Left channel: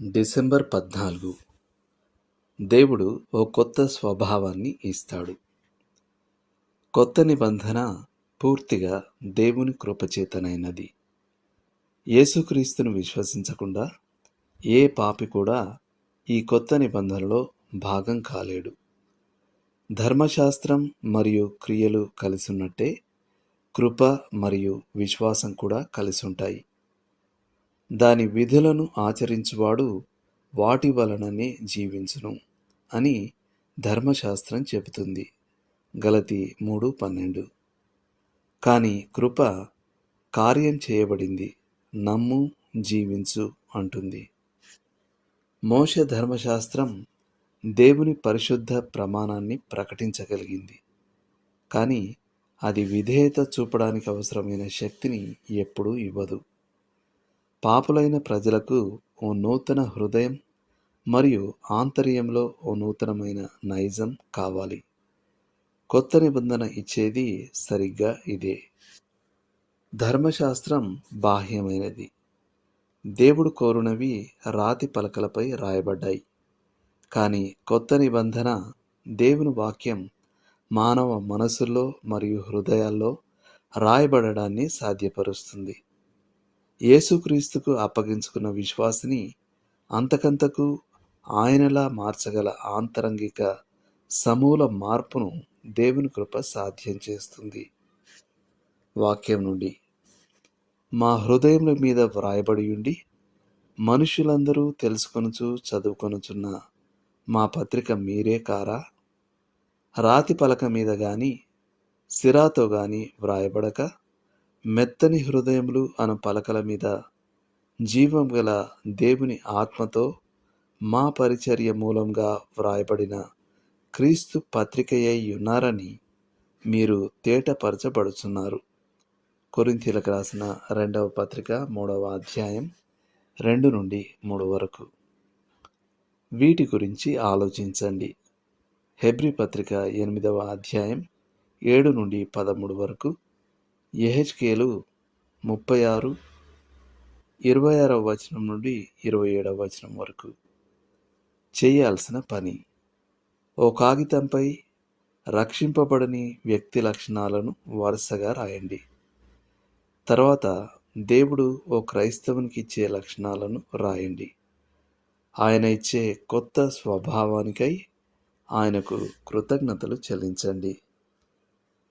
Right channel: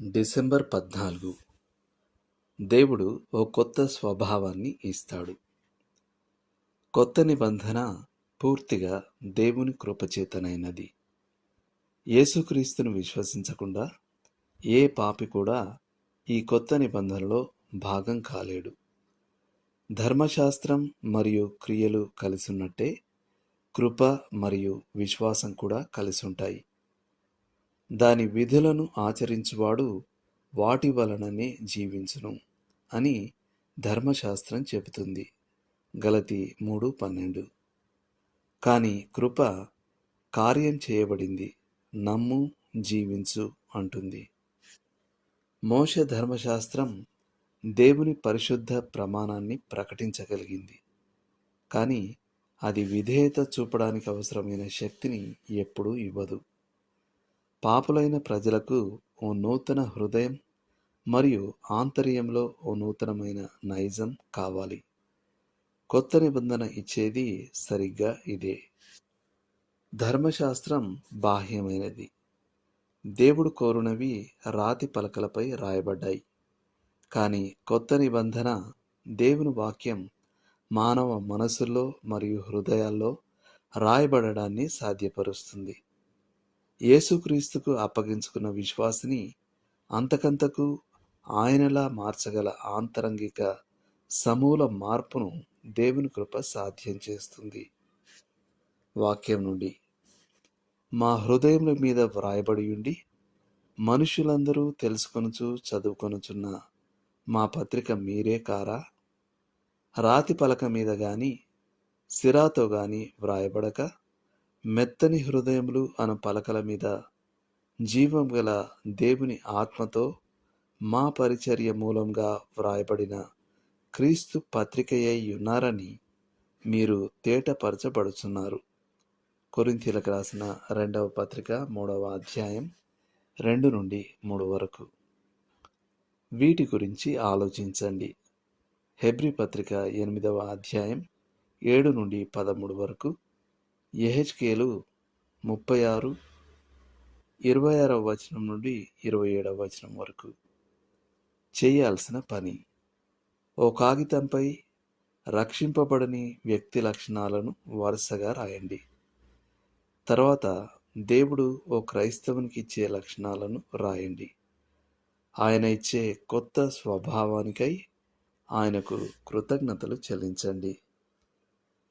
December 14. దేవుడు ఓ కొత్త స్వభావాన్ని ఇస్తాడు. కొత్త నిబంధన పూర్తిగా దేవుని కృపచేతనైనది. యేసుక్రీస్తును విశ్వసించకుండా ఏ పాపి కూడా ఈ కొత్త నిబంధనలో భాగం కాలేడు. ధర్మశాస్త్రం మరియు క్రియలు కలిసున్నట్టే కృప మరియు విశ్వాసం కూడా కలిసుంటాయి. దాని విధులను ఆచరించువాడు వాటి వలననే జీవించును అని ధర్మశాస్త్రం చెబుతుంది. గలతీ 3:12. కానీ కృప కార్యం చేయబడింది, నమ్ము జీవించు అంటుంది. మోషే ధర్మశాస్త్రం దేవుని పరిశుద్ధ ప్రమాణాన్ని ప్రకటించగలిగింది, కానీ అది విధేయత చూపడానికి అవసరమైన శక్తిని ఎప్పుడూ ఇవ్వదు. పాపులైన ప్రజలకు ఓ నూతన హృదయం మరియు ఆంతర్యంలో ఓ నూతనమైన నైజం కావాలి. కొత్త నిబంధన ఇచ్చేది సరిగ్గా ఇదే. ధర్మశాస్త్రం బాహ్యమైనది. దేవుడు కోరునవి రాతి పలకలపై రాయబడ్డాయి. కానీ కొత్త నిబంధన దేవుని వాక్యం మానవ మనసుల్లో మరియు హృదయాల్లో రాయబడడాన్ని సాధ్యపరుస్తుంది. యేసుక్రీస్తుకు అప్పగించుకున్న విశ్వాసిని అంతకంతకు ఆయనలా మార్చగల ఆంతరంగిక సమూల మార్పును దేవుని కృప సాధ్యం చేస్తుంది. వాక్యం నుండి: మా హృదయముల మీద వ్రాయబడియుండి మనుషులందరూ తెలుసుకొనుచు చదువుకొనుచున్న మా పత్రిక మీరే కారా? రాతి పలక మీద గాని సిరాతో గాని వ్రాయబడక మెత్తని హృదయములు అను పలకల మీద జీవం గల దేవుని ఆత్మతో మా పరిచర్య మూలంగా వ్రాయబడిన క్రీస్తు పత్రికయై ఉన్నారని మీరు తేటపరచబడుచున్నారు. కొరింథీయులకు రాసిన 2వ పత్రిక 3వ అధ్యాయం 2 నుండి 3 వరకు. వీటి గురించి ఆలోచించండి. హెబ్రీ పత్రిక 8వ అధ్యాయం 7 నుండి 13 వరకు. యెహెజ్కేలు 36, 26వ వచనం నుండి 27వ వచనం వరకు. చేయాల్సిన పని: ఓ కాగితంపై రక్షింపబడని వ్యక్తి లక్షణాలను వరుసగా రాయండి. తర్వాత దేవుడు ఓ క్రైస్తవునికి ఇచ్చే లక్షణాలను రాయండి. ఆయన ఇచ్చే కొత్త స్వభావానికై ఆయనకు కృతజ్ఞతలు చెల్లించండి.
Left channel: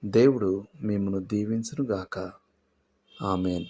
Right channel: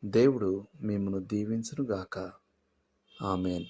దేవుడు మిమ్మును దీవించునుగాక. ఆమేన్.